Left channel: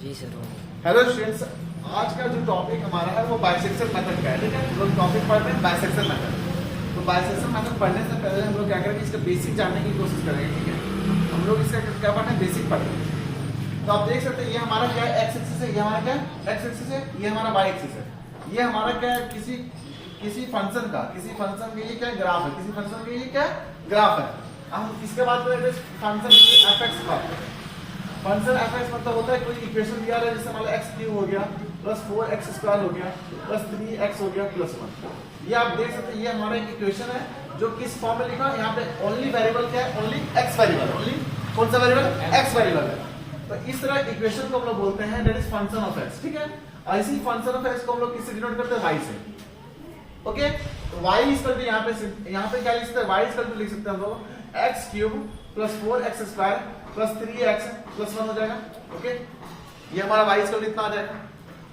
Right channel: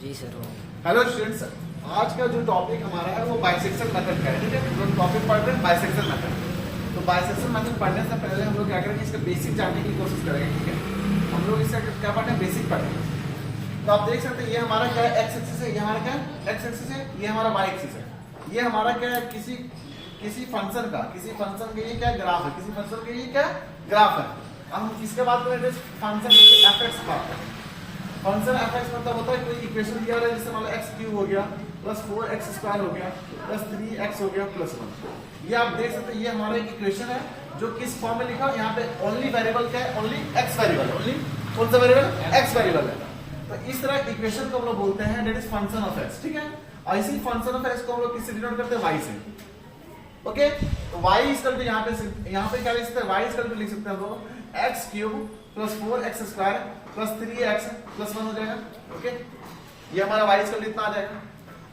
जी sir. Hello students, आज का जो टॉपिक हमारा है वो बाइसेक्शन मेथड का है। ठीक है, हम लोग टॉपिक पढ़ रहे हैं बाइसेक्शन मेथड। तो बाइसेक्शन मेथड पढ़ने से पहले हम लोग क्या करेंगे, इसका बेसिक जानने की कोशिश करेंगे। ठीक है, हम लोग इसका क्या पढ़ते हैं, बेसिक पढ़ते हैं। तो आप देख सकते हैं ये हमारा क्या है, एक्स एक्सिस है, ये हमारा क्या है, एक्स एक्सिस है, ये हमारा वाई एक्सिस है। ये हमारा क्या है, किसी फंक्शन का ये क्या है, ग्राफ है। किसी फंक्शन का ये क्या है, ग्राफ है। हम किसके बात कर रहे थे, फंक्शन एफ एक्स बात कर रहे हैं। फंक्शन एफ एक्स मतलब होता है कोई इक्वेशन दिया है, जैसे मान लो एक्स क्यूब हो गया प्लस 4x स्क्वायर हो गया प्लस 3x हो गया प्लस 1। ये आप देख सकते हैं, ये हमारा एक इक्वेशन है जो किस फॉर्म में लिखा है। यहाँ पे ओनली वेरिएबल क्या है, ओनली एक्स वेरिएबल है। ओनली कौन सा वेरिएबल, एक्स वेरिएबल है। तो इस तरह इक्वेशन को हम लोग बोलते हैं that is function of x. ठीक है, ऐसी फंक्शन ऑफ एक्स को हम लोग किससे डिनोट करते हैं, वाई से। ओके, तो y इक्वल टू यहाँ पे क्या लिख सकते हैं, y इक्वल टू लिख सकते हैं हम लोग x cube plus 4x square plus 3x plus 1 हो जाएगा। ओके, ये हमारा y इक्वल इतना आ जाएगा।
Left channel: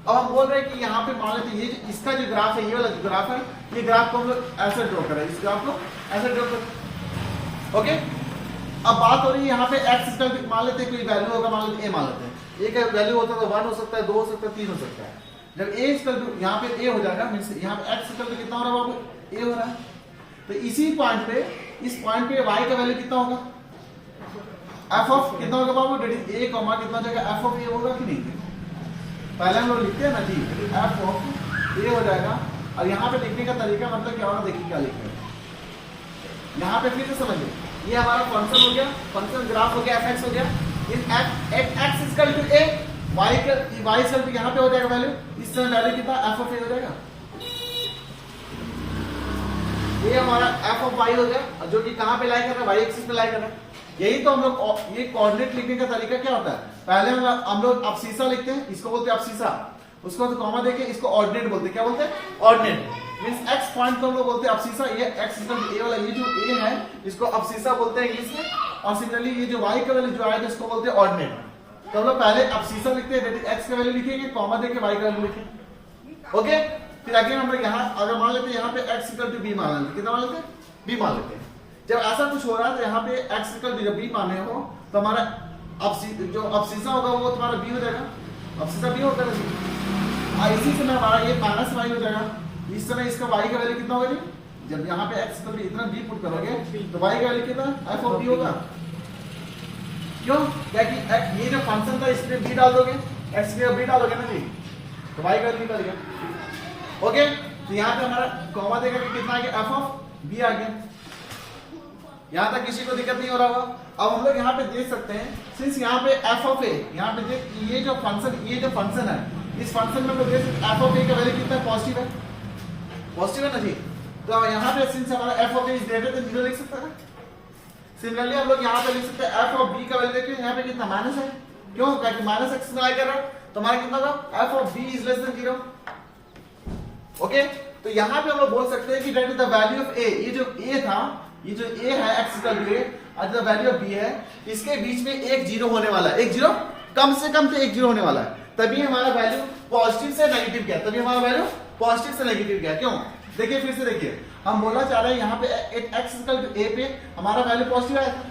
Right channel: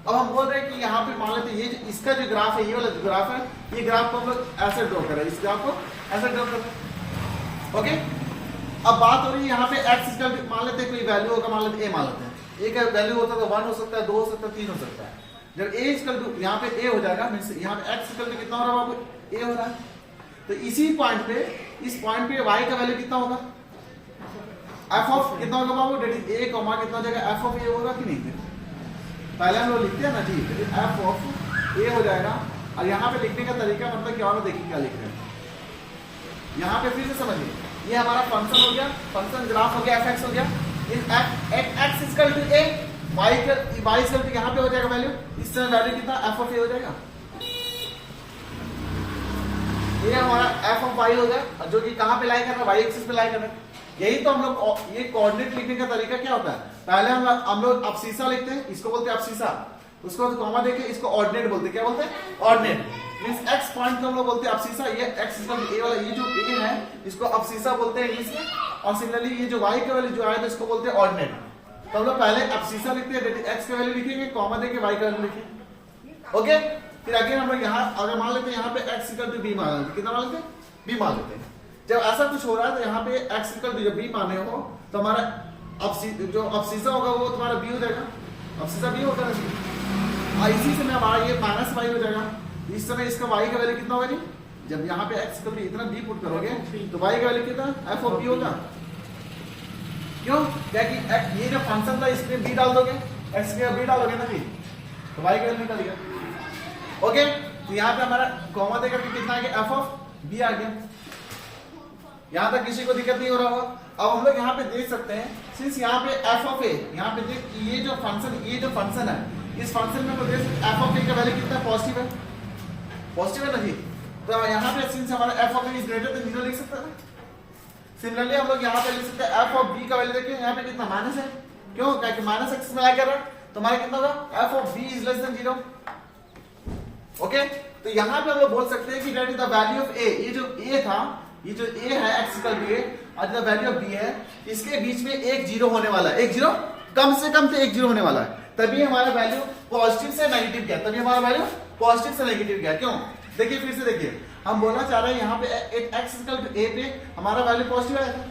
अब हम बोल रहे हैं कि यहाँ पे मान लेते हैं ये इसका जो ग्राफ है, ये वाला जो ग्राफ है, ये ग्राफ को हम लोग ऐसे ड्रॉ करें, इस ग्राफ को ऐसे ड्रॉ करें। ओके, अब बात हो रही है यहाँ पे x इक्वल मान लेते हैं कोई वैल्यू होगा, मान लेते a मान लेते हैं। a का वैल्यू होता है तो 1 हो सकता है, 2 हो सकता है, 3 हो सकता है। जब a इक्वल टू यहाँ पे a हो जाएगा, मींस यहाँ पे x इक्वल टू कितना हो रहा है, a हो रहा है। तो इसी पॉइंट पे, इस पॉइंट पे y का वैल्यू कितना होगा, f ऑफ कितना होगा बाबू, डेट इज a कॉमा कितना हो जाएगा, f ऑफ a होगा कि नहीं। पहले हम लोग लिखते हैं ना जी, f ऑफ a हो जाएगा। और यहाँ पे लिखने का तरीका मतलब क्या होगा, देखिए क्या लिख रहे हैं यहाँ पे, फिर से समझिए। ये हमारा फंक्शन हो गया, फंक्शन ग्राफ हो गया, fx हो गया। इस x equal to a, y equal to यहाँ पे हो जाएगा वैल्यू, इस तरह वैल्यू कितना, f ऑफ a हो जाएगा। ये हमारा f ऑफ y हो गया, जो कि कहां पे लाई कर रहा है, y एक्सिस पे लाई कर रहा है। यही तो हम लोग, ये कोऑर्डिनेट लिखने का तरीका क्या होता है, पहले हम लोग अब्सिसा लिखते हैं, इसको बोलते हैं अब्सिसा। उसको बाद कॉमा देके इसको ऑर्डिनेट बोलते हैं, क्या बोलते हैं, ऑर्डिनेट। मींस x पॉइंट को हम लोग बोलते हैं अब्सिसा। ये x इक्वल टू a वाला, ये जो a है इसको अब्सिसा बोलते हैं इंग्लिश में। और सिमिलरली ये जो y का वैल्यू जो आया था इसको बोलते हैं ऑर्डिनेट। तो हम लोग पहले अब्सिसा लिखते हैं, x का वैल्यू लिखेंगे, कॉमा देके y का वैल्यू लिखेंगे। ओके, फिर आगे हम लोग यहाँ अगर मान लेते हैं, यहाँ पे x इक्वल टू b मान लेते हैं, कितना मान लेते हैं, b मान लेते हैं। जब ऐसा कुछ हो रहा है तो यहाँ पे x इक्वल टू जब b माने हो तो हमारा जो अब्सिसा होगा वो तुम्हारा b हो जाएगा, अब्सिसा b होगा ना जी। इसी से हमारा ये माइनस y हो जाएगा। इस समय इसका y का वैल्यू कितना होगा जी, जब यहाँ पे x इक्वल टू इतना b पुट करोगे तो y का वैल्यू कितना, f ऑफ b होगा। क्यों, क्या कि ये जो फंक्शन था इसमें b डाल दोगे, x में b डालोगे ना जी, तो y का वैल्यू निकल गया। ओके, तो यहाँ पे हमारा कॉमा देकर के कितना आ गया, f ऑफ b आ गया। यहाँ तक किसी को दिक्कत नहीं हो रहा होगा। अब हम लोग यहाँ पे देख सकते हैं, सिंस यहाँ पे f ऑफ a, यहाँ पे देख ये जो फंक्शन है, इस फंक्शन में तो देख f ऑफ a का वैल्यू कितना पॉजिटिव है, पॉजिटिव है ना जी। तो यहाँ पे सिंस हमारा f of a is greater than 0 लिख सकते हैं। सिमिलरली हम लोग यहाँ पे लिख सकते हैं f ऑफ b का वैल्यू देखिए, यहाँ पे कितना माइनस है। क्यों, क्योंकि माइनस एक्सिस में लाई कर रहा है, तो हमारा कितना होगा, f of b is less than 0। Okay, तो यहाँ पे हम लोग बोल सकते हैं कि that is the value of a। ये जो a था, ये जो a है x इक्वल टू a और द वैल्यू ऑफ b है, इसके बीच में एक जीरो होने वाला है, एक जीरो कम से कम से एक जीरो होने वाला है, तभी हमारा वैल्यू पॉजिटिव से नेगेटिव गया, तभी हमारा वैल्यू पॉजिटिव से नेगेटिव गया। क्यों, देखिए फिर से देखिए, हम बोलना चाह रहे हैं यहाँ पे x इक्वल टू a पे हमारा वैल्यू पॉजिटिव आया था,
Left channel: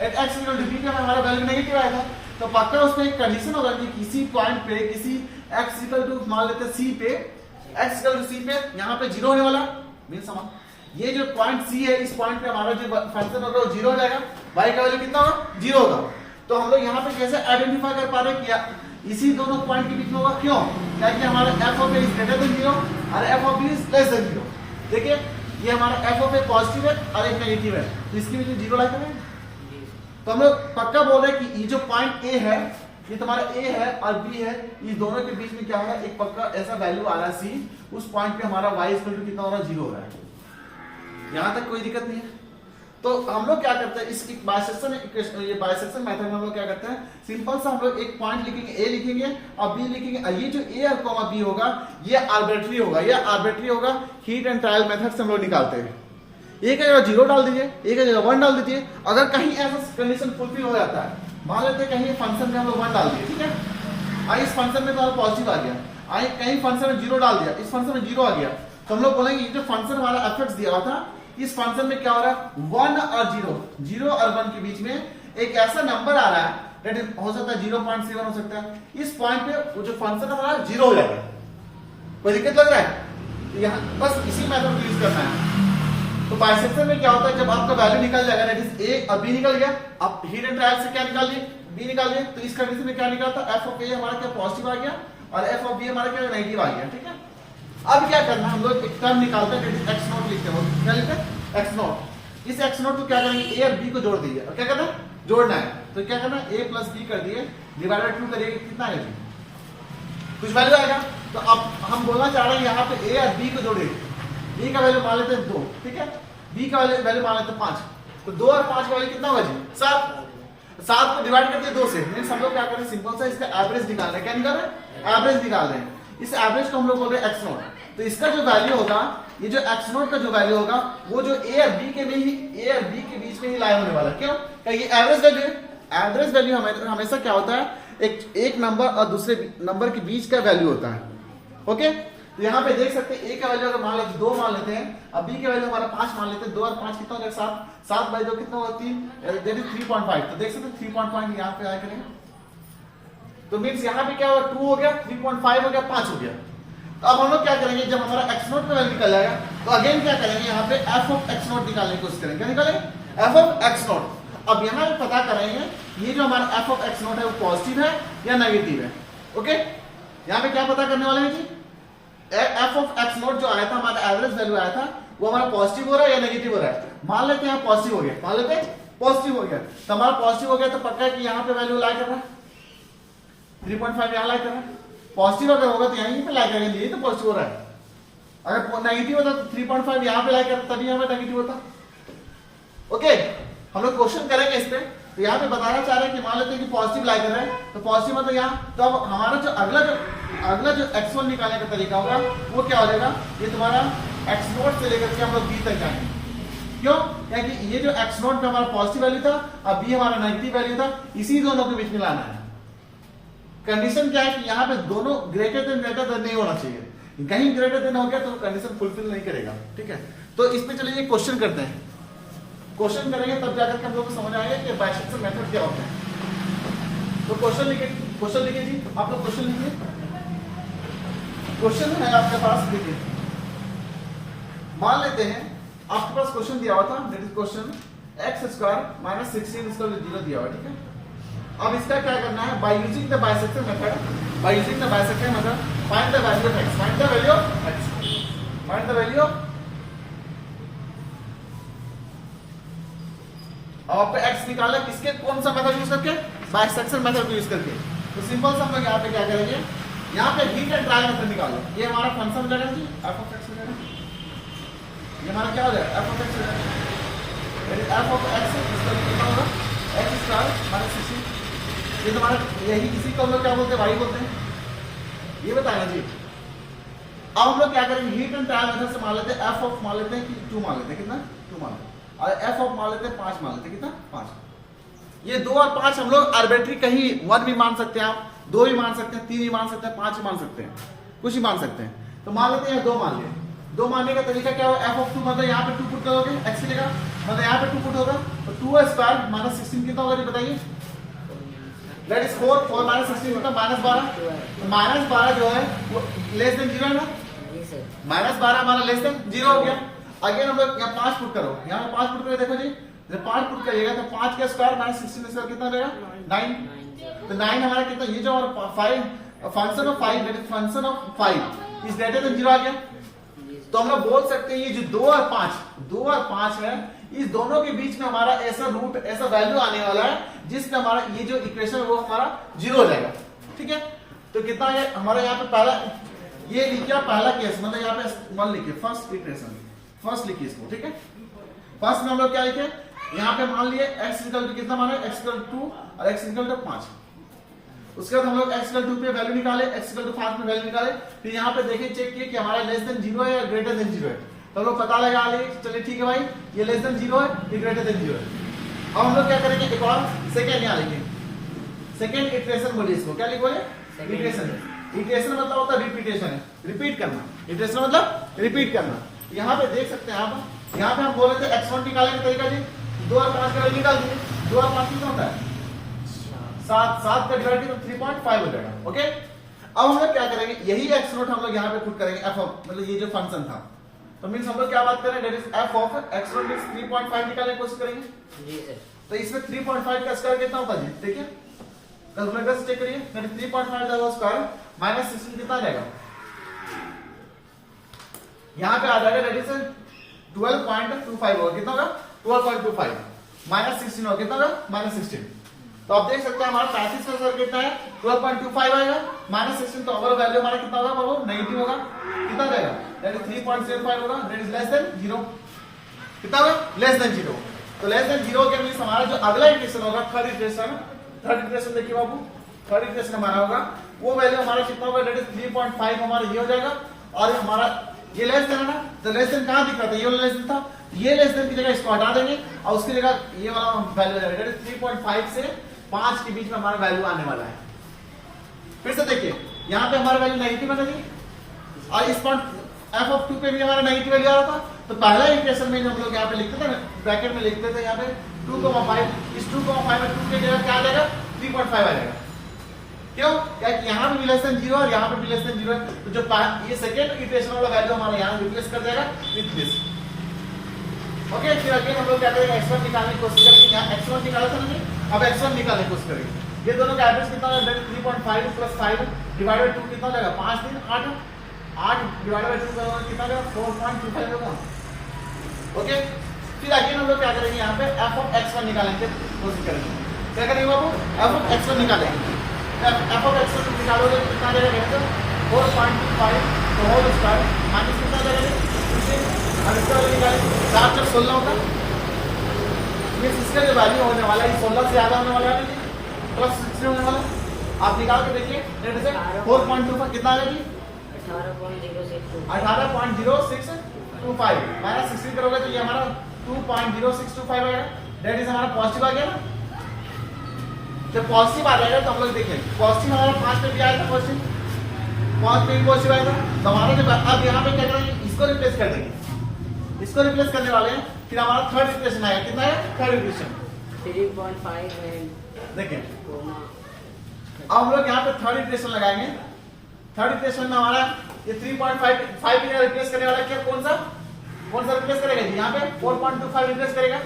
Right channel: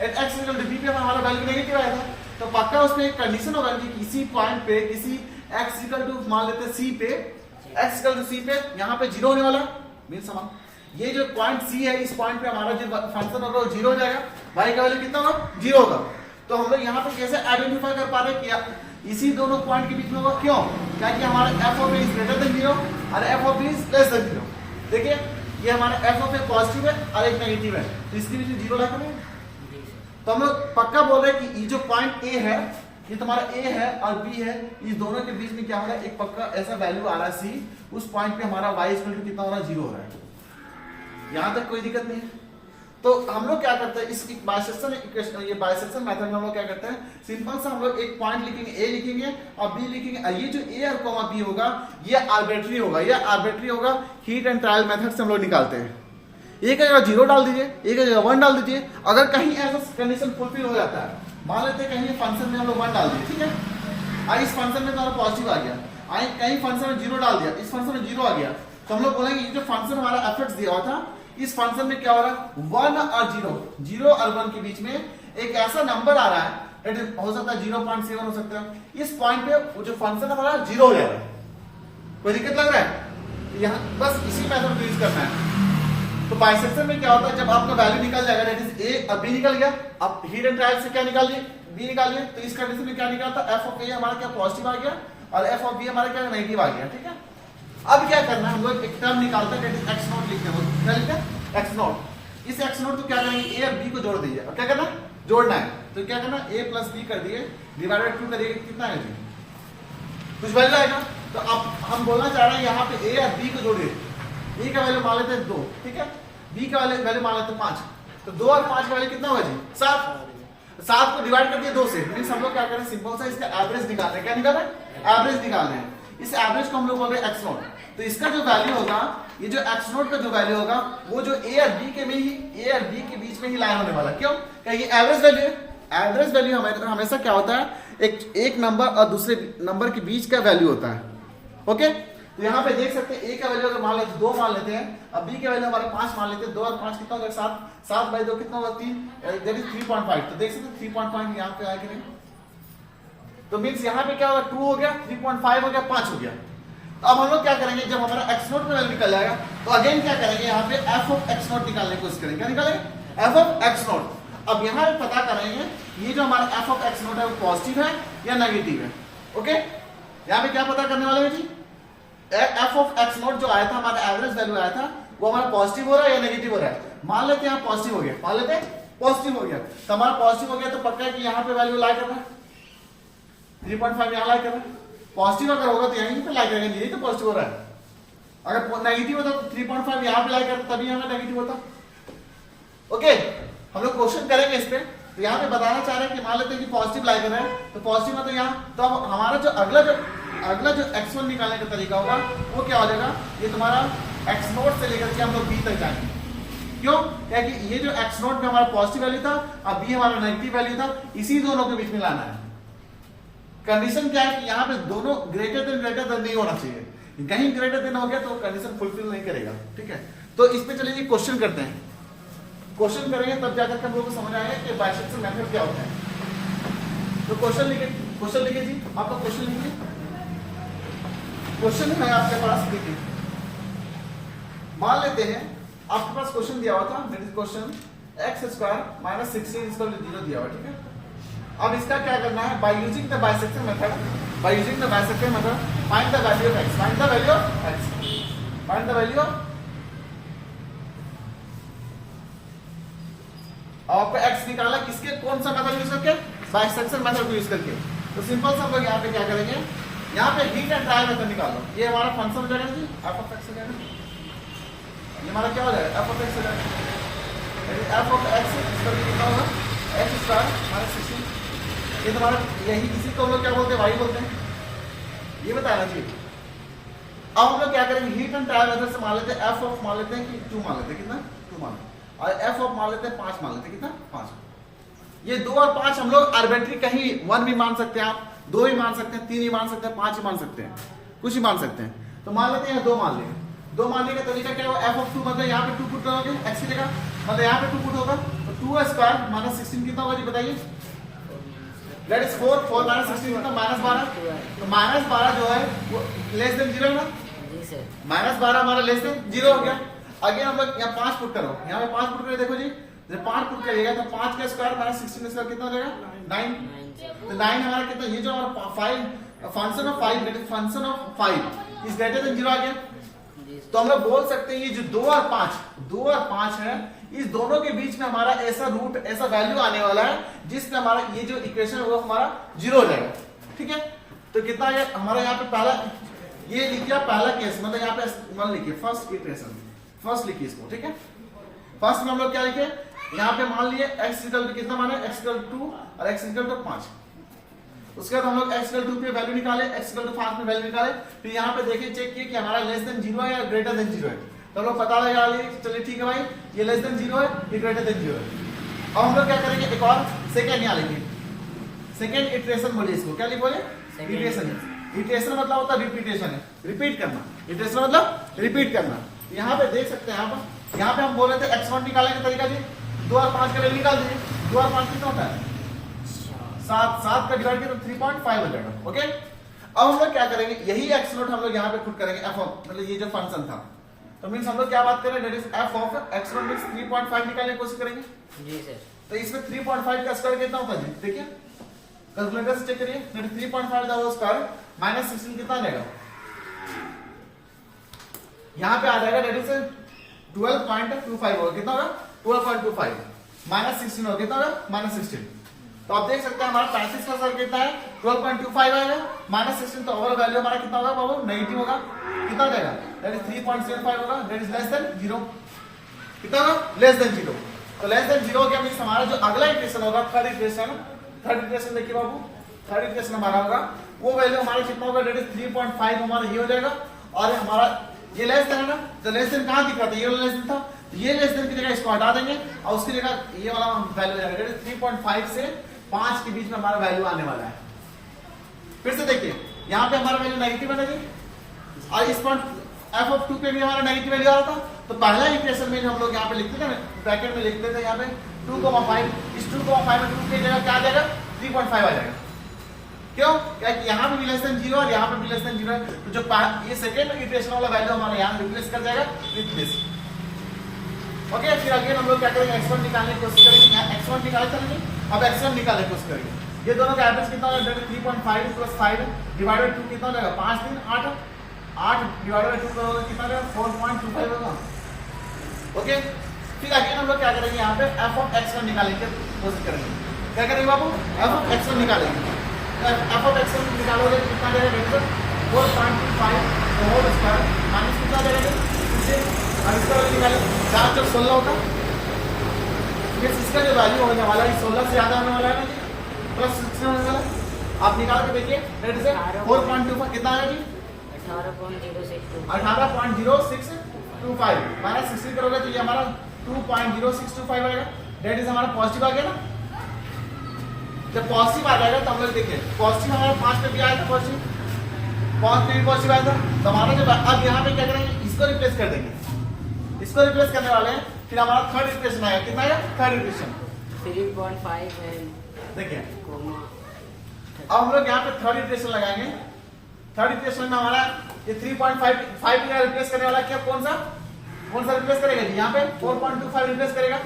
at x equal to b पे हमारा वैल्यू नेगेटिव आया था। तो पक्का उसमें एक कंडीशन होगा कि किसी पॉइंट पे, किसी x इक्वल टू मान लेते हैं c पे, x इक्वल टू c पे यहाँ पे जीरो होने वाला मीन्स समान। ये जो पॉइंट c है, इस पॉइंट पे हमारा जो फंक्शन होगा वो जीरो हो जाएगा, y का वैल्यू कितना होगा, जीरो होगा। तो हम लोग यहाँ पे कैसे आइडेंटिफाई कर पा रहे हैं कि इसी दोनों पॉइंट के बीच में होगा। क्यों, क्योंकि हमारा f of a is greater than 0 और f of b is less than 0। देखिए ये हमारा f ऑफ a पॉजिटिव है और एक नेगेटिव है, तो इसके बीच में जीरो ला करेंगे। तो हम लोग पक्का बोल रहे हैं कि ये जो पॉइंट a है, ये तुम्हारा a है और b है, इस दोनों के बीच में क्या हो रहा है, एक पक्का ऐसा वैल्यू आ रहा है c, उस पॉइंट पे हमारा y इक्वल टू कितना हो रहा है, जीरो हो रहा है। यहां तक कोई दिक्कत नहीं है। तो हम लोग क्या करते हैं, इस बाइसेक्शन इक्वेशन, ये बाइसेक्शन मेथड में हम लोग क्या करते हैं, सिंपल सा हम लोग एक पॉइंट लिखेंगे, a लिखेंगे और b लिखेंगे। ये जो a और कॉमा b होगा ये आर्बिट्ररी होगा, हीट एंड ट्रायल मेथड से हम लोग निकालते हैं। एक जगह जीरो डाल दीजिए, एक जगह 1 डाल दीजिए। अगर कहीं ऐसा कंडीशन फुलफिल हो जाता है, मान लेते हैं कहीं फंक्शन में हम लोग 1 डाल दिए, ठीक है, इस फंक्शन में तो पॉजिटिव आ गया, कहीं फंक्शन में जीरो डाल दिया, इस फंक्शन में जीरो आ गया, तो हम लोग बोलेंगे ये जो फंक्शन हमारा एफर्ट्स दिया हुआ था, इस फंक्शन में क्या हो रहा है, 1 और 0 और 1 के बीच में एक ऐसा नंबर आ रहा है डेट इज हो सकता है 0.7 हो सकता है। इस पॉइंट पे वो जो फंक्शन है हमारा जीरो हो जाएगा। कोई दिक्कत लग रहा है? यहाँ बस इसी मेथड को यूज करना है। तो बाइसेक्शन में क्या होता है, जब आपका वैल्यू निकल जाएगा, डेट इज ए और बी निकल गया, अब हीट एंड ट्रायल से क्या निकालिए, बी निकालिए, तो इस कंडीशन में क्या निकलता है, एफ ऑफ ए हमारा क्या पॉजिटिव आ गया और एफ ऑफ बी हमारा क्या नेगेटिव आ गया। ठीक है, अब क्या करना है, हम लोग एक टर्म निकालते हैं, एक्स नोट लिखते हैं। क्या लिखते हैं? X note. इस एक्स नोट को क्या करेंगे, ए और बी को जोड़ दीजिए। और क्या करना है, जोड़ना है। तो क्या करना है, ए प्लस बी कर दिए, डिवाइडेड 2 करिए, कितना है जी, कुछ वैल्यू आएगा। तो अब हम बोलना चाह रहे हैं यहाँ पे ए और बी को जोड़िए। ए का वैल्यू मान लेते हैं 2, ठीक है, बी का वैल्यू मान लेते हैं 5। तो 2 और 5 का वैल्यू कितना होगा जी, 7। 7 को डिवाइड कर दिया 2 से। मींस हम लोग क्या करें, सिंपल सा इसका एवरेज निकाल रहे हैं। क्या निकाल रहे हैं, एवरेज निकाल रहे हैं। इस एवरेज को हम लोग बोल रहे हैं एक्स नोट। तो इसका जो वैल्यू होगा, ये जो एक्स नोट का जो वैल्यू होगा, वो जो ए और बी के बीच में ही लाया होने वाला। क्यों? क्योंकि एवरेज वैल्यू है। एवरेज वैल्यू हमेशा क्या होता है, एक नंबर और दूसरे नंबर के बीच का वैल्यू होता है। ओके, तो यहाँ पे देख सकते हैं ए का वैल्यू अगर मान लेते 2 मान लेते हैं, अब बी का वैल्यू हमारा 5 मान लेते हैं। 2 और 5 कितना होगा, 7। 7 बाई 2 कितना होगा, 3, दैट इज 3.5। तो देख सकते हैं 3.5 यहाँ पे आया करेंगे। तो मीन्स यहाँ पे क्या होगा, 2 हो गया, 3.5 हो गया, 5 हो गया। तो अब हम लोग क्या करेंगे, जब हमारा एक्स नोट का वैल्यू निकल जाएगा, तो अगेन क्या करेंगे, यहाँ पे एफ ऑफ एक्स नोट निकालने की कोशिश करेंगे। क्या निकालेंगे, एफ ऑफ एक्स नोट। अब यहाँ पे पता करेंगे ये जो हमारा एफ ऑफ एक्स नोट है वो पॉजिटिव है या नेगेटिव है। ओके, यहाँ पे क्या पता करने वाले हैं जी, एफ ऑफ एक्स नोट जो आया था, हमारा एवरेज वैल्यू आया था, वो हमारा पॉजिटिव हो रहा है या नेगेटिव हो रहा है। मान लेते हैं पॉजिटिव हो गया, मान लेते हैं पॉजिटिव हो गया। तो हमारा पॉजिटिव हो गया तो पक्का है कि यहाँ पे वैल्यू लाई कर रहा है, 3.5 यहाँ लाई कर रहा है। पॉजिटिव अगर होगा तो यहीं पे लाई करेंगे, यही तो पॉजिटिव हो रहा है। अगर नेगेटिव होता तो 3.5 यहाँ पे लाई करता, तभी यहाँ पे नेगेटिव होता। ओके, हम लोग क्वेश्चन करेंगे इस पे। तो यहाँ पे बताना चाह रहे हैं कि मान लेते हैं कि पॉजिटिव लाई कर रहे हैं, तो पॉजिटिव मतलब यहाँ, तो अब हमारा जो अगला जो एक्स नोट निकालने का तरीका होगा वो क्या हो जाएगा, ये तुम्हारा एक्स नोट से लेकर के हम लोग बी तक जाएंगे। क्यों? क्योंकि ये जो एक्स नोट में हमारा पॉजिटिव वैल्यू था, अब बी हमारा नेगेटिव वैल्यू था, इसी दोनों के बीच में लाना है। कंडीशन क्या है कि यहाँ पे दोनों ग्रेटर देन नहीं होना चाहिए। कहीं ग्रेटर देन हो गया तो कंडीशन फुलफिल नहीं करेगा। ठीक है, तो इस पे चलिए क्वेश्चन करते हैं। क्वेश्चन करेंगे तब जाकर के हम लोग को समझ आएगा कि बाइसेक्शन मेथड क्या होता है। तो क्वेश्चन लिखिए जी, आप लोग क्वेश्चन लिखिए। क्वेश्चन है आपके पास, देखिए मान लेते हैं आपके पास क्वेश्चन दिया हुआ था, दैट इज क्वेश्चन x² - 16 = 0 दिया हुआ। ठीक है, अब इसका क्या करना है, by using the bisection method, find the value of x, find the value of आपको x निकालना किसके, कौन सा मेथड यूज करके, बाइसेक्शन मेथड यूज करके। तो सिंपल सा हम लोग यहाँ पे क्या करेंगे, यहाँ पे हीट एंड ट्रायल मेथड निकालो। ये हमारा फंक्शन हो जाएगा जी, एफ ऑफ एक्स हो जाएगा। ये हमारा क्या हो जाएगा, एफ ऑफ एक्स हो जाएगा। एफ ऑफ एक्स x² - 16, ये तुम्हारा यही, इसी को हम लोग क्या बोलते हैं, y बोलते हैं। ये बताना जी। अब हम लोग क्या करेंगे, हीट एंड ट्रायल मेथड से मान लेते हैं एफ ऑफ, मान लेते हैं कि 2 मान लेते हैं, कितना 2 मान लेते हैं, और एफ ऑफ मान लेते हैं 5 मान लेते हैं, कितना 5। ये 2 और 5 हम लोग आर्बिट्री कहीं 1 भी मान सकते हैं, आप 2 भी मान सकते हैं, 3 भी मान सकते हैं, 5 ही मान सकते हैं, कुछ ही मान सकते हैं। तो मान लेते हैं 2 मान लिए। 2 मानने का तरीका क्या होगा, एफ ऑफ 2 मतलब यहाँ पे 2 पुट करोगे, एक्स मिलेगा, मतलब यहाँ पे 2 पुट होगा, तो 2² - 16 कितना होगा जी बताइए, दैट इज 4 - 16 कितना, -12। तो -12 जो है वो लेस देन 0 है ना, -12 हमारा लेस देन 0 हो गया। अगेन हम लोग यहाँ 5 पुट करो, यहाँ पे 5 पुट करो, देखो जी जब 5 पुट करिएगा तो 5 का स्क्वायर - 16 कितना हो जाएगा, 9। तो 9 हमारा कितना, ये जो हमारा 5 function of 5, that is function of 5 is greater than 0 आ गया। तो हम लोग बोल सकते हैं ये जो 2 और 5 है, इस दोनों के बीच में हमारा ऐसा रूट, ऐसा वैल्यू आने वाला है जिसमें हमारा ये जो इक्वेशन है वो हमारा 0 हो जाएगा। ठीक है, तो कितना है हमारा यहाँ पे पहला, ये लिखिए पहला केस, मतलब यहाँ पे 1 लिखिए, फर्स्ट इक्वेशन, फर्स्ट लिखिए इसको। ठीक है, फर्स्ट में हम लोग क्या लिखे, यहाँ पे मान लिए x कितना माने, x 2 और x 5। उसके बाद हम लोग x 2 पे वैल्यू निकाले, x 5 पे वैल्यू निकाले, फिर यहाँ पे देखिए चेक किए कि हमारा लेस देन 0 है या ग्रेटर देन 0 है। तो हम लोग पता लगा लिए, चलिए ठीक है भाई, ये लेस देन 0 है, ये ग्रेटर देन 0 है। अब हम लोग क्या करेंगे, एक और सेकेंड यहाँ लिखेंगे, सेकेंड इटरेशन बोलिए इसको, क्या बोले, इटरेशन। इटरेशन मतलब होता है रिपीटेशन है, रिपीट करना। इटरेशन मतलब रिपीट करना। यहाँ पे देख सकते हैं आप, यहाँ पे हम बोले थे x1 निकालने का तरीका जी, 2 और 5 का वैल्यू निकाल दीजिए। 2 और 5 कितना होता है, 7 का डिवाइड किया तो 3.5 हो जाएगा। ओके, अब हम लोग क्या करेंगे, यही एक्स नोट हम लोग यहाँ पे पुट करेंगे एफ ऑफ, मतलब ये जो फंक्शन था, तो मीन्स हम लोग क्या बात करें, that is f of x naught means 3.5 निकालने की कोशिश करेंगे जी सर। तो इसमें 3.5 का स्क्वायर कितना होता है जी, देखिए कैलकुलेटर से चेक करिए, 3.5 का स्क्वायर माइनस 16 कितना आ जाएगा, यहाँ पे आ जाएगा डेट इज 12.25 होगा, कितना होगा 12.25 माइनस 16 होगा, कितना होगा माइनस 16। तो आप देख सकते हैं हमारा 35 का स्क्वायर कितना है 12.25 आएगा माइनस 16, तो ओवरऑल वैल्यू हमारा कितना होगा बाबू, नेगेटिव होगा, कितना जाएगा दैट इज 3.75 होगा, दैट इज लेस देन 0, कितना होगा लेस देन 0। तो लेस देन 0 के मींस हमारा जो अगला इक्वेशन होगा, थर्ड इक्वेशन देखिए बाबू, थर्ड इक्वेशन हमारा होगा वो वैल्यू हमारा कितना होगा, दैट इज 3.5 हमारा ये हो जाएगा, और हमारा ये लेस देन है ना, तो लेस देन कहां दिख रहा था, ये वाला लेस देन था, ये लेस देन की जगह इसको हटा देंगे और उसकी जगह ये वाला वैल्यू हो जाएगा, दैट इज 3.5 से 5 के बीच में हमारा वैल्यू आने वाला है। फिर से देखिए यहाँ पे हमारा वैल्यू नेगेटिव है ना जी, और इस पॉइंट एफ ऑफ 2 पे भी हमारा नेगेटिव वैल्यू आ रहा था, तो पहला इक्वेशन में जो हम लोग यहाँ पे लिखते थे, ब्रैकेट में लिखते थे यहाँ पे 2,5, इस 2,5 में 2 की जगह क्या आ जाएगा 3.5 आ जाएगा, क्यों, क्या यहाँ पे भी लेस देन 0 और यहाँ पे भी लेस देन 0 है, तो जो ये सेकेंड इक्वेशन वाला वैल्यू हमारा यहाँ रिप्लेस कर जाएगा विथ दिस। ओके, फिर अगेन हम लोग क्या करेंगे, x1 निकालने की कोशिश करेंगे, यहाँ x1 निकाला था नहीं, अब x1 निकालने की कोशिश करेंगे, ये दोनों का एवरेज कितना होगा, 3.5 प्लस 5 डिवाइडेड 2 कितना हो जाएगा, 5 3 8, 8 डिवाइडेड 2 का कितना होगा 4.25 होगा। ओके, फिर अगेन हम लोग क्या करेंगे, यहाँ पे f ऑफ x1 निकालने की कोशिश करेंगे, क्या करेंगे बाबू, f ऑफ x1 निकालेंगे, f ऑफ x1 निकालोगे तो कितना जाएगा 4.25 होल स्क्वायर माइनस कितना जाएगा 16, और इसका वैल्यू निकालें 4 + 16 होता है, इसका जो वैल्यू होने वाला है 16 से ज्यादा होने वाला है ना जी, प्लस 16 होने वाला, आप निकाल के देखिए, रेट से 4.25 कितना आएगा जी 18.0625 माइनस 16 करोगे तो ये हमारा 2.0625 आएगा, डेट इज हमारा पॉजिटिव आ गया ना। जब पॉजिटिव आ जाएगा तो हम लोग देखिए पॉजिटिव हमारा 5 पे भी आया था, पॉजिटिव 5 पे भी पॉजिटिव आया था, तो हमारा जब अब यहाँ पे क्या करेंगे, इसको रिप्लेस कर देंगे, इसको रिप्लेस करने वाले हैं, फिर हमारा थर्ड इक्वेशन आएगा, कितना है थर्ड इक्वेशन 3.5 देखिए, अब हम लोग यहाँ पे थर्ड इक्वेशन लगाएंगे, थर्ड इक्वेशन में हमारा ये 3.5 का रिप्लेस करने वाला क्या, कौन सा रिप्लेस करेगा जी, यहाँ पे 4.25 रिप्लेस करेगा,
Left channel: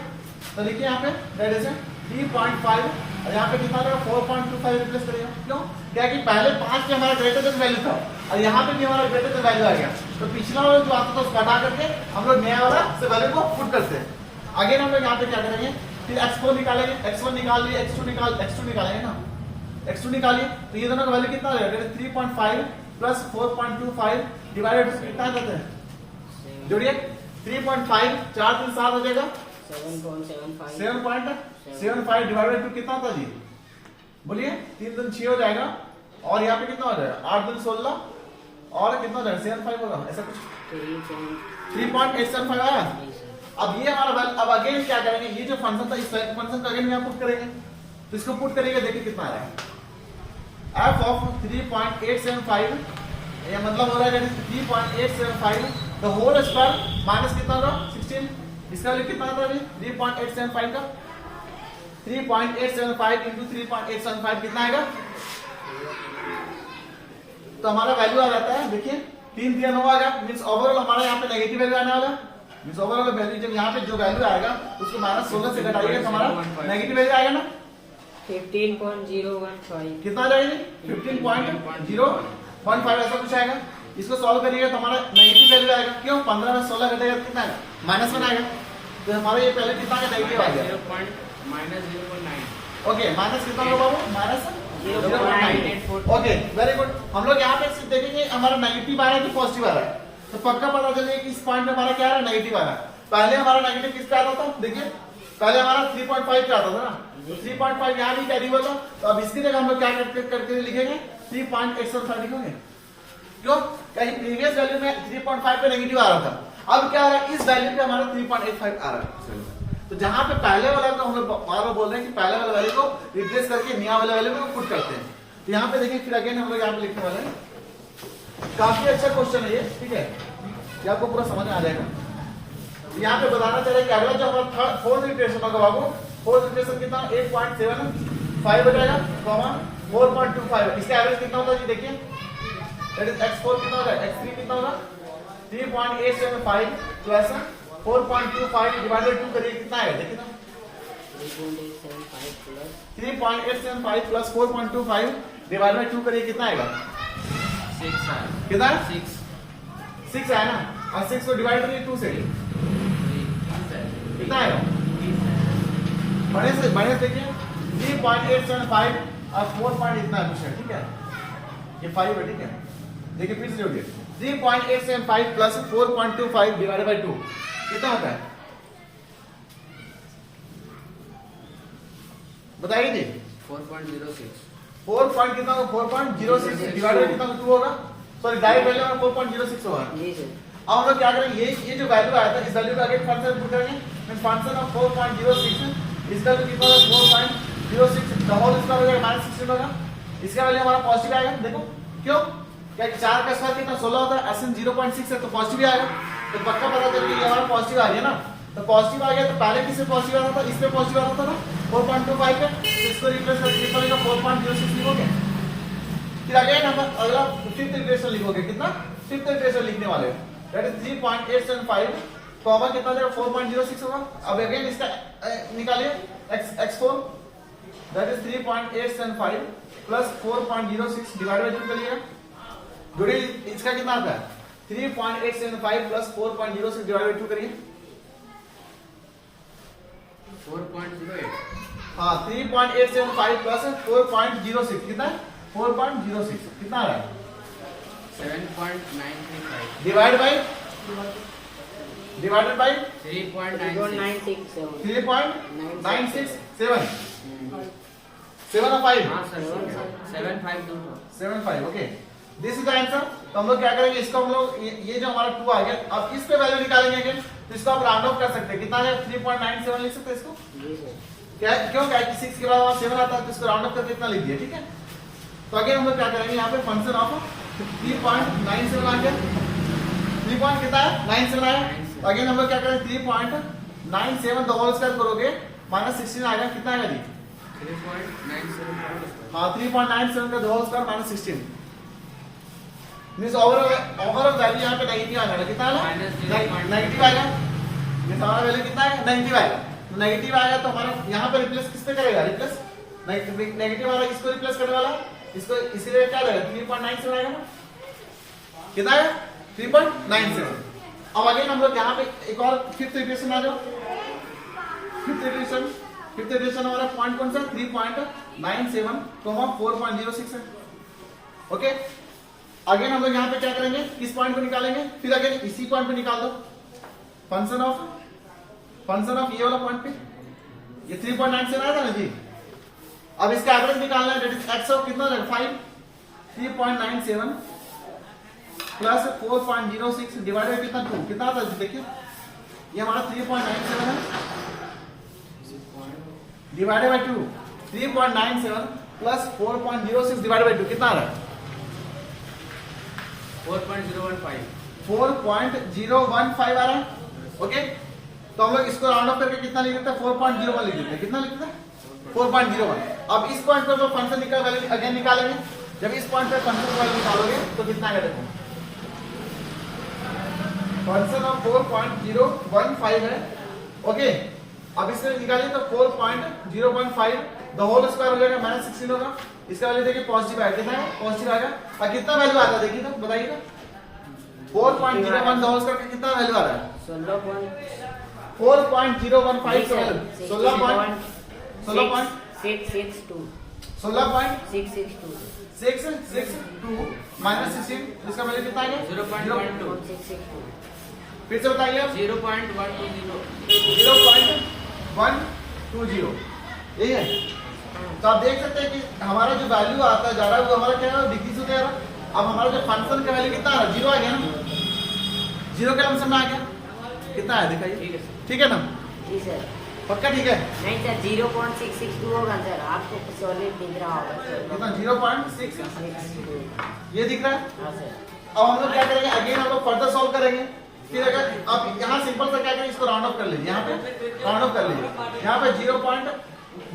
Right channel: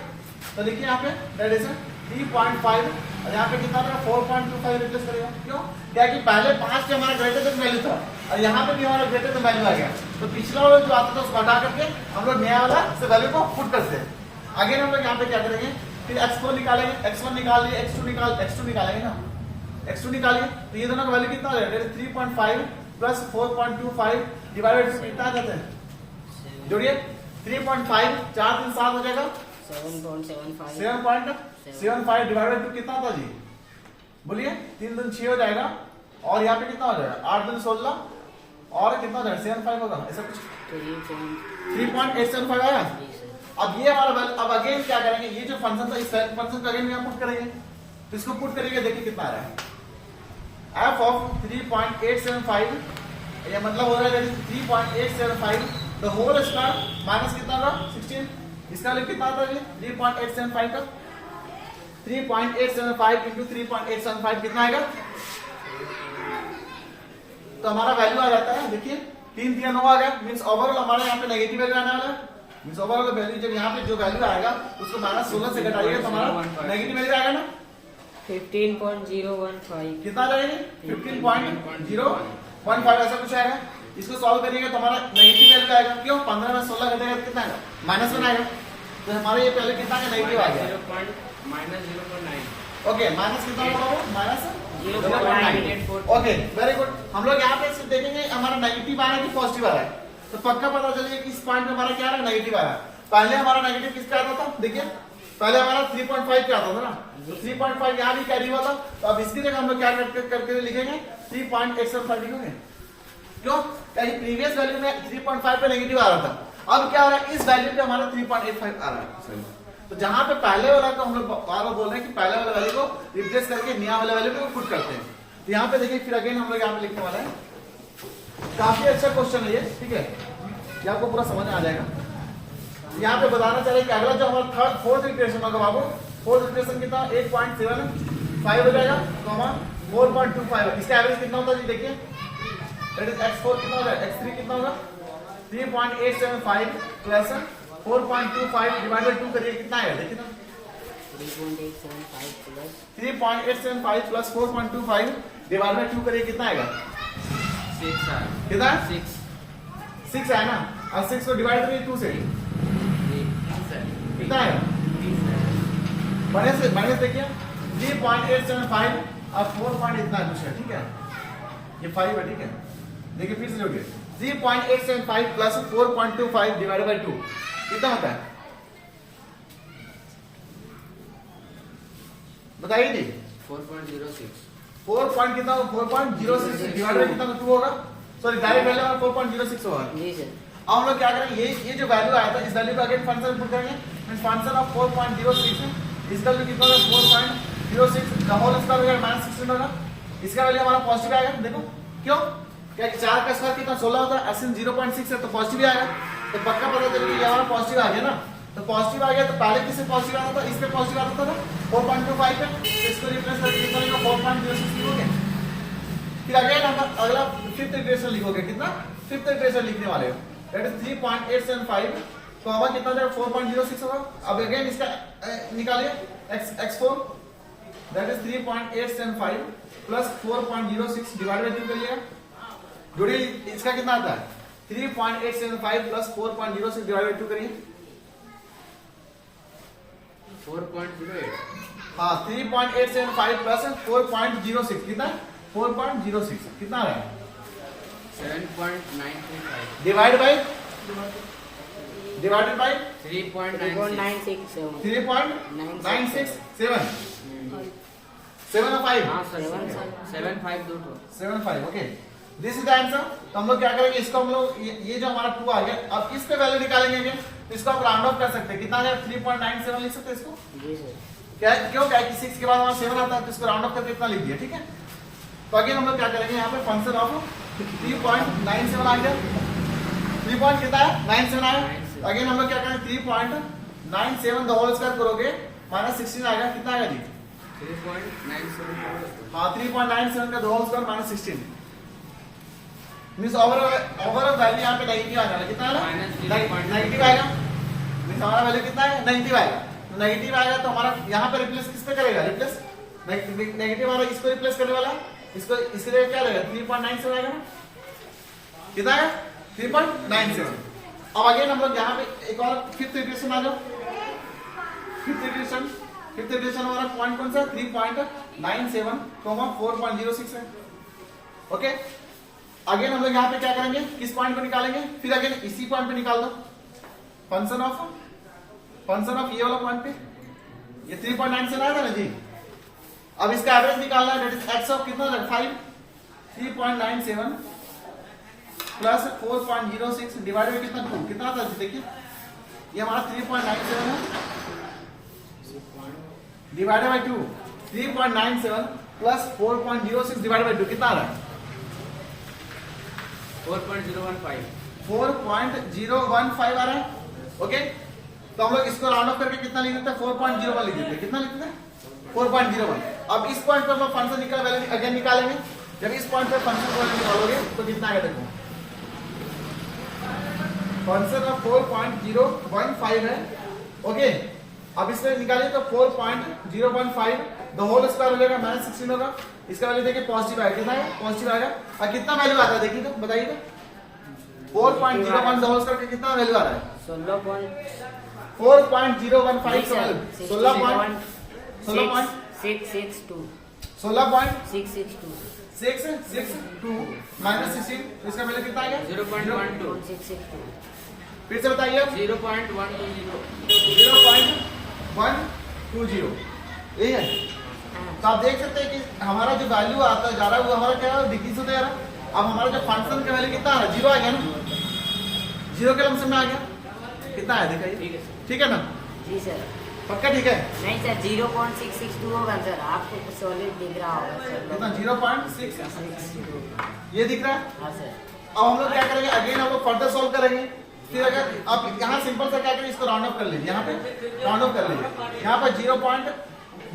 तो देखिए यहाँ पे दैट इज 3.5 और यहाँ पे कितना 4.25 रिप्लेस करेगा, क्यों, क्या कि पहले 5 पे हमारा ग्रेटर देन वैल्यू था और यहाँ पे भी हमारा ग्रेटर देन वैल्यू आ गया, तो पिछला वाला जो आता था उसको हटा करके हम लोग नया वाला से वैल्यू को पुट करते हैं। अगेन हम लोग यहाँ पे क्या करेंगे, फिर x4 निकालेंगे, x1 निकाल लिए, x2 निकालेंगे ना, x2 निकालिए, तो ये दोनों का वैल्यू कितना हो जाएगा 3.5 प्लस 4.25 डिवाइडेड कितना कहते हैं, जोड़िए 3.5 4 3 7 हो जाएगा 7.75 डिवाइडेड 2 कितना होता जी, बोलिए 3 दूनी 6 हो जाएगा, और यहाँ पे कितना हो जाएगा 8 दूनी 16 और कितना हो जाएगा 75 होगा, ऐसा कुछ 3.875 आया। अब ये हमारा अब अगेन क्या करेंगे, ये जो फंक्शन था इस फंक्शन को अगेन यहाँ पुट करेंगे, तो इसको पुट करेंगे, देखिए कितना आ रहा है f ऑफ 3.875, ये मतलब हो रहा है 3.875 द होल स्क्वायर माइनस कितना होगा 16, इसका वैल्यू कितना आता है 3.875 का 3.875 इंटू 3.875 कितना आएगा, तो हमारा वैल्यू आ जाता है, देखिए 3 3 9 आ गया, मींस ओवरऑल हमारा यहाँ पे नेगेटिव वैल्यू आने वाला है, मींस ओवरऑल वैल्यू जब यहाँ पे जो वैल्यू आएगा उसको माइनस 16 से घटाइएगा तो हमारा नेगेटिव वैल्यू आएगा ना 15.015 कितना जाएगा 15.015 ऐसा कुछ आएगा, इसको सॉल्व करिएगा तो हमारा नेगेटिव वैल्यू आएगा, क्यों 15 में 16 घटेगा तो कितना आएगा -1 आएगा, तो हमारा ये पहले कितना का नेगेटिव आ गया -0.9 ओके, माइनस कितना होगा बाबू माइनस 0.984 ओके वेरी गुड। हम लोग यहाँ पे सिर्फ देखेंगे हमारा नेगेटिव आ रहा है कि पॉजिटिव आ रहा है, तो पक्का पता चलेगा कि इस पॉइंट में हमारा क्या आ रहा है नेगेटिव आ रहा है। पहले हमारा नेगेटिव किस पे आता था, देखिए पहले हमारा 3.5 पे आता था ना, तो 3.5 यहाँ भी कैरी हुआ था, तो अब इसकी जगह हम लोग क्या करके लिखेंगे 3.875 लिखेंगे, क्यों, प्रीवियस वैल्यू में 3.5 पे नेगेटिव आ रहा था, अब क्या आ रहा है इस वैल्यू पे हमारा 3.85 आ रहा है, तो जहां पे पहले वाला को हम लोग बार बार बोल रहे हैं कि पहले वाला वैल्यू को रिप्लेस करके नया वाला वैल्यू को पुट करते हैं, तो यहाँ पे देखिए फिर अगेन हम लोग यहाँ पे लिखने वाले हैं, काफी अच्छा क्वेश्चन है ये, ठीक है, ये आपको पूरा समझ में आ जाएगा। यहाँ पे बताना चाहिए कि अगला जो हमारा फोर्थ इक्वेशन होगा बाबू, फोर्थ इक्वेशन कितना 8.7 5 हो जाएगा कॉमा 4.25। इसका एवरेज कितना होता है जी देखिए, दैट इज x4 कितना हो जाएगा, x3 कितना होगा 3.875 प्लस 4.25 डिवाइडेड 2 करिए कितना आएगा देखिए ना, 3.875 प्लस 4.25 डिवाइड बाय 2 करिए कितना आएगा, 6 है। कितना 6 6 है ना, और 6 को डिवाइड करिए 2 से कितना आएगा, माइनस देखिए 3.875 और 4 इतना है कुछ है, ठीक है ये 5 है, ठीक है देखिए फिर से जोड़िए 3.875 प्लस 4.25 डिवाइडेड बाय 2 कितना होता है बताइए जी, 4.06। 4 पॉइंट कितना होगा, 4.06 डिवाइडेड बाय कितना 2 होगा, सॉरी डायरेक्ट वैल्यू में 4.06 होगा। जी सर। अब हम लोग क्या करेंगे, ये जो वैल्यू आया था इस वैल्यू का अगेन फंक्शन पुट करेंगे, मींस फंक्शन ऑफ 4.06 इसका वैल्यू कितना होगा 4.06 द होल स्क्वायर हो जाएगा -16 होगा, इसका वैल्यू हमारा पॉजिटिव आएगा। देखो क्यों, क्या 4 का स्क्वायर कितना 16 होता है, एसएन 0.6 है तो पॉजिटिव आएगा, तो पक्का पता चल गया ये हमारा पॉजिटिव आ गया ना, तो पॉजिटिव आ गया तो पहले किससे पॉजिटिव आता था, इस पे पॉजिटिव आता था 4.25 पे, तो इसको रिप्लेस करके कितना लिखोगे 4.06 लिखोगे, फिर अगेन हम अगला फिफ्थ इटरेशन लिखोगे, कितना फिफ्थ इटरेशन लिखने वाले हैं, दैट इज 3.875 तो हमारा कितना हो जाएगा 4.06 होगा। अब अगेन इसका निकालिए x4 that is 3.875 plus 4.06 divide by 2 करिएगा, जोड़िए इसका कितना आता है 3.875 प्लस 4.06 डिवाइड बाय 2 करिए 4.08। हाँ 3.875 प्लस 4.06 कितना है 4.06 कितना आ रहा है 7.935 डिवाइड बाय 3.96। 3.967 7 और 5 हाँ सर 7.5 दो ठो 7.5 okay this is the answer. तो हम लोग क्या करेंगे, इसको हम लोग ये जो हमारा 2 आ गया, अब इस पे वैल्यू निकालेंगे अगेन, तो इसको आप राउंड ऑफ कर सकते हैं, कितना आ जाएगा 3.97 लिख सकते हैं इसको, जी सर। क्या क्यों क्या कि 6 के बाद वहां 7 आता है तो इसको राउंड ऑफ करके इतना लिख दिया, ठीक है। तो अगेन हम लोग क्या करेंगे, यहाँ पे फंक्शन ऑफ 3.97 आ गया, 3 पॉइंट कितना है 97 आया, अगेन हम लोग क्या करेंगे 3.97 द होल स्क्वायर करोगे -16 आएगा, कितना आएगा जी 3.97। हाँ 3.97 का whole square -16 means overall value यहाँ पे नेगेटिव आ जाएगा, कितना आएगा नेगेटिव आएगा, मींस हमारा वैल्यू कितना है नेगेटिव आएगा, नेगेटिव आएगा तो हमारा यहाँ पे रिप्लेस किस पे करेगा, रिप्लेस नेगेटिव वाला इसको रिप्लेस करने वाला, इसको इसके लिए क्या रहेगा 3.97 आएगा ना, कितना है 3.97। अब अगेन हम लोग यहाँ पे एक और फिफ्थ इक्वेशन आ जाओ, फिफ्थ इक्वेशन हमारा पॉइंट कौन सा 3.97 4.06 है, ओके। अगेन हम लोग यहाँ पे क्या करेंगे, किस पॉइंट पे निकालेंगे, फिर अगेन इसी पॉइंट पे निकाल दो, फंक्शन ऑफ ये वाला पॉइंट पे, ये 3.97 आया था ना जी। अब इसका एवरेज निकालना है, दैट इज एक्स ऑफ कितना 5 3.97 प्लस 4.06 डिवाइड बाय कितना 2 कितना आता है देखिए, ये हमारा 3.97 है divided by 2 3.97 plus 4.06 divided by 2 कितना आ रहा है 4.015 4.015 आ रहा है, ओके। तो हम लोग इसको राउंड ऑफ करके कितना लिख देते हैं 4.01 लिख देते हैं, कितना लिख देते हैं 4.01। अब इस पॉइंट पर हम फंक्शन निकाल वैल्यू अगेन निकालेंगे, जब इस पॉइंट पर फंक्शन वैल्यू निकालोगे तो कितना आएगा देखो, फंक्शन ऑफ 4.015 है, ओके। अब इससे निकालिए तो 4.015 द होल स्क्वायर हो जाएगा -16 होगा, इसका वैल्यू देखिए पॉजिटिव आएगा, कितना है पॉजिटिव आएगा, और कितना वैल्यू आता है देखिए तो बताइए तो 4.01 द होल स्क्वायर का कितना वैल्यू आ रहा है 4.015 का वैल्यू 16.662 माइनस 16 इसका वैल्यू कितना आएगा 0.12 फिर से बताइए 0.120 यही है। तो आप देख सकते हैं कि हमारा जो वैल्यू आता है जा रहा है वो हमारा क्या है डिक्रीज होता जा रहा है। अब हमारा जो फंक्शन का वैल्यू कितना आ रहा है 0 आ गया ना, 0 के लमसम में आ गया, कितना है दिखाइए, ठीक है सर, ठीक है ना जी सर। पक्का ठीक है, नहीं सर 0.662 होगा सर, आपको सॉलिड दिख रहा होगा सर, कितना 0.6 ये दिख रहा है। हाँ सर। अब हम लोग क्या करेंगे अगेन हम लोग फर्दर सॉल्व करेंगे, फिर अगर आप यहाँ सिंपल सा क्या करें इसको राउंड ऑफ कर लीजिए, यहाँ पे राउंड ऑफ कर लीजिए, यहाँ पे 0.1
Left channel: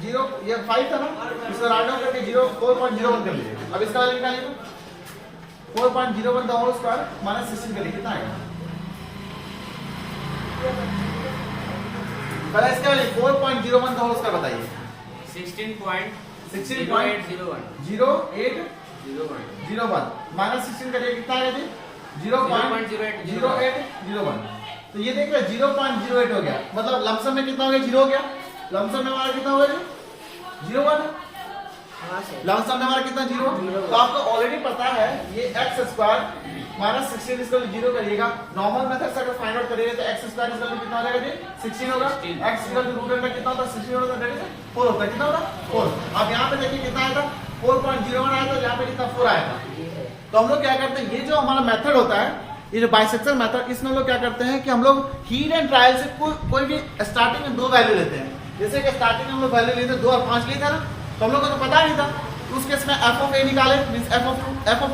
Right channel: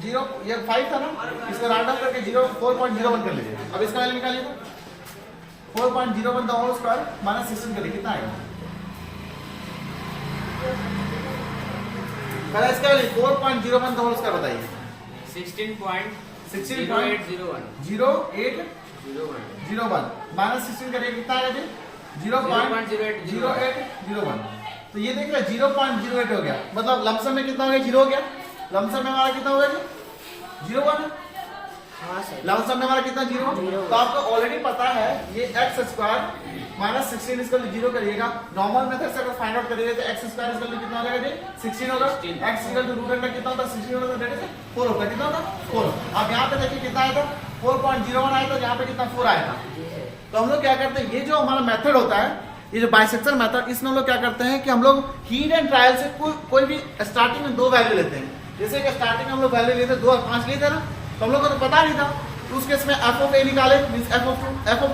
0 ये 5 था ना, इसको राउंड डाउन करके 4.01 कर लीजिए। अब इसका वैल्यू निकालिए, 4.01 द होल स्क्वायर माइनस 16 करिए, कितना आएगा? पहले इसका वैल्यू 4.01 द होल स्क्वायर बताइए। 16.0801 0801 माइनस 16 करिए, कितना आएगा जी? 0.0801। तो ये देख रहे 0.08 हो गया, मतलब लमसम में कितना हो गया? 0 हो गया। लमसम में हमारा कितना हो गया जी? 0.1। हाँ सर। लमसम में हमारा कितना? 0। तो आपको ऑलरेडी पता है ये एक्स स्क्वायर माइनस 16 इसको 0 करिएगा। नॉर्मल मेथड से अगर फाइंड आउट करिएगा तो एक्स स्क्वायर इसका कितना हो जाएगा जी? 16 होगा। 16। X equal to root under कितना होता है? 16 होता है, 4 होता है। कितना होता है? 4। अब यहाँ पे देखिए कितना आया था? 4.01 आया था, यहाँ पे कितना? 4 आया था। तो हम लोग क्या करते हैं, ये जो हमारा मेथड होता है, ये जो बाइसेक्शन मेथड, इसमें हम लोग क्या करते हैं कि हम लोग हीट एंड ट्रायल से कोई भी स्टार्टिंग में 2 वैल्यू लेते हैं। जैसे कि स्टार्टिंग में हम लोग वैल्यू लेते 2 और 5 लिए थे ना, तो हम लोग को तो पता नहीं था। तो उस केस में एफ ऑफ ए निकाले, मींस एफ ऑफ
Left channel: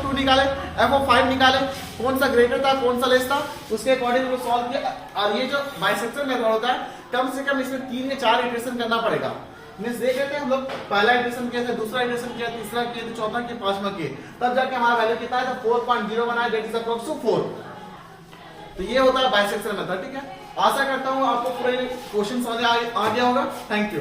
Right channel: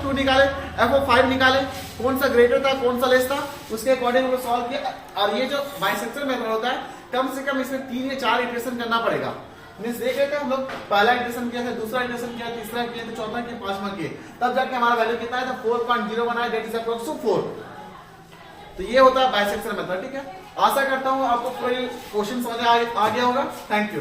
2 निकाले, एफ ऑफ 5 निकाले, कौन सा ग्रेटर था कौन सा लेस था, उसके अकॉर्डिंग हम लोग सॉल्व किया। और ये जो बाइसेक्शन मेथड होता है, कम से कम इसमें 3 या 4 इटरेशन करना पड़ेगा। मींस देख लेते हैं हम लोग, पहला इटरेशन किया था, दूसरा इटरेशन किया, तीसरा किया, चौथा किया, 5वां किया, तब जाके हमारा वैल्यू कितना है? 4.01 आया, दैट इज अप्रॉक्स टू 4। तो ये होता है बाइसेक्शन मेथड, ठीक है। आशा करता हूं आपको पूरा ये क्वेश्चन समझ आ गया होगा। Thank you.